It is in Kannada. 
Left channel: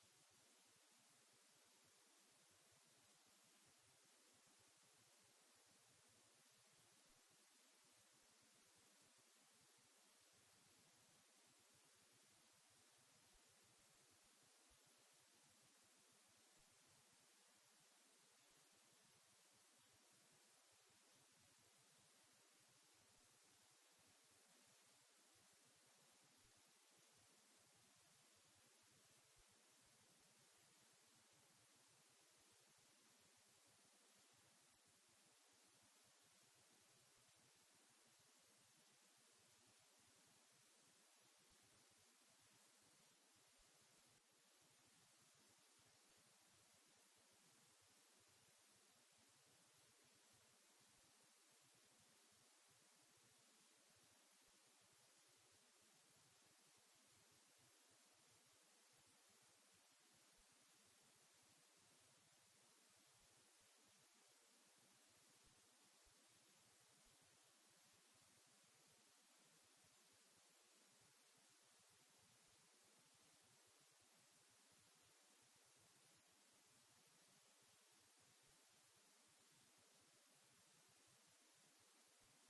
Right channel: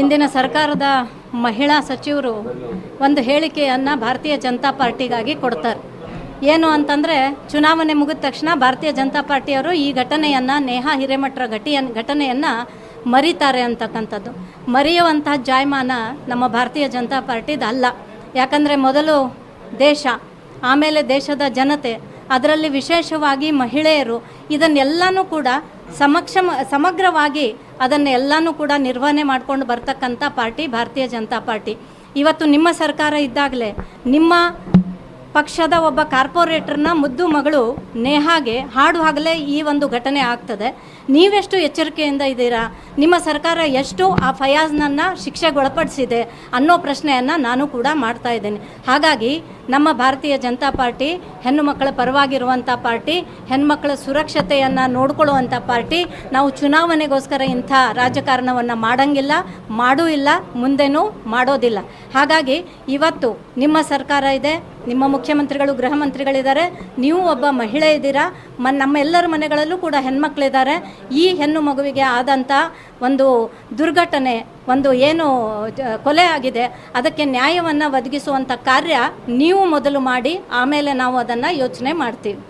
ಇಂದಿನ ಸರ್ಕಾರದ ಮಹಿಳಾ ಸಚಿವರು ಒಂದು ಹೇಳಿಕೆಯನ್ನು ಭಾರತೀಯ ಜನತಾ ಪಾರ್ಟಿಗಾಗಿ ಕೊಡ್ತಾರೆ. ಏನು ಅಂತಂದರೆ, ಚುನಾವಣೆ ಮುಗಿದ ತಕ್ಷಣ ಭಾರತೀಯ ಜನತಾ ಪಾರ್ಟಿಯವರು ಈ ಘಟನೆಯನ್ನು, ನೇಹಾ ಹಿರೇಮಠರ ಘಟನೆಯನ್ನು ಮರೀತಾರೆ ಅಂತಕ್ಕಂಥದ್ದು. ಮರೆಯುವಂಥ ಜಾಯಮಾನ ನಮ್ಮ ಭಾರತೀಯ ಜನತಾ ಪಾರ್ಟಿದು ಅಲ್ಲ. ಯಾಕಂದರೆ ಮೊದಲು ದೇಶ, ಆಮೇಲೆ ದೇಶದ ಜನತೆ, ಅದರಲ್ಲಿ ವಿಶೇಷವಾಗಿ ಮಹಿಳೆಯರು, ಇದನ್ನೆಲ್ಲನೂ ಕೂಡ ಸಮಗ್ರವಾಗಿ ಅದನ್ನೆಲ್ಲನೂ ಕೂಡ ನಿರ್ವಹಣೆ ಮಾಡ್ಕೊಂಡು ಬರ್ತಕ್ಕಂಥ ಪಾರ್ಟಿ ಭಾರತೀಯ ಜನತಾ ಪಾರ್ಟಿ. ಇವತ್ತು ನಿಮ್ಮ ಸರ್ಕಾರ ಇದ್ದಾಗಲೇ ನಿಮ್ಮ ಪಕ್ಷದ ಒಬ್ಬ ಕಾರ್ಪೊರೇಟರ್ನ ಮುದ್ದು ಮಗಳು ನೇಹಾಗೆ ಹಾಡುವಾಗಲೇ ಈ ಒಂದು ಘಟನೆ ಆಗ್ತದೆ. ನೀವೆಷ್ಟು ಎಚ್ಚರಿಕೆಯಿಂದ ಇದ್ದೀರಾ? ನಿಮ್ಮ ಸರ್ಕಾರ ಎಷ್ಟು ಆ ಫಯಾಜ್ನನ್ನು ಶಿಕ್ಷೆಗೊಳಪಡಿಸಿದೆ ಅನ್ನೋ ಪ್ರಶ್ನೆಯನ್ನು ನಾನು ಕೂಡ ಮಾಡ್ತಾ ಇದ್ದೇನೆ. ಹಾಗಾಗಿ ನಮ್ಮ ಭಾರತೀಯ ಜನತಾ ಪಾರ್ಟಿ ಹೆಣ್ಣು ಮಕ್ಕಳ ಪರವಾಗಿರುವಂಥ ಪಾರ್ಟಿ, ಹೆಣ್ಮಕ್ಕಳ ಸುರಕ್ಷತೆಯನ್ನು ನೋಡ್ಕೊಳ್ಳುವಂಥ ಪಾರ್ಟಿ. ನಾವು ಚುನಾವಣೆಗೋಸ್ಕರ ಇಂಥ ರಾಜಕಾರಣವನ್ನು ಮಾಡಂಗಿಲ್ಲ, ಮಾಡೂ ಇಲ್ಲ, ಮುಂದೆನೂ ಮಾಡೋದಿಲ್ಲ. ಹಾಗಾಗಿ ಇವತ್ತು ನಿಮ್ಮ ಸರ್ಕಾರ ಇದೆ, ನಿಮ್ಮ ಮುಖ್ಯಮಂತ್ರಿಗಳು, ಗೃಹ ಮಂತ್ರಿಗಳಿದ್ದಾರೆ, ನೀವು ಒಬ್ಬ ಮಹಿಳೆ ಇದ್ದೀರಾ, ನಮ್ಮೆಲ್ಲರ ಮನೆಗಳಲ್ಲೂ ಕೂಡ ಹೆಣ್ಮಕ್ಳಿದ್ದಾರೆ. ಈ ಹೆಣ್ಣು ಮಗುವಿಗೆ ಆದಂಥ ಒಂದು ದುರ್ಘಟನೆ, ಒಂದು ಏನು ಕೊಲೆ ಆಗಿದೆ, ಅದಕ್ಕೆ ನ್ಯಾಯವನ್ನು ಒದಗಿಸುವಂಥ ಕಾರ್ಯ ನೀವು ಮೊದಲು ಮಾಡಿ, ಆಮೇಲೆ ನಾವು ಅದನ್ನು ಯೋಚನೆ ಮಾಡ್ತೀವಿ.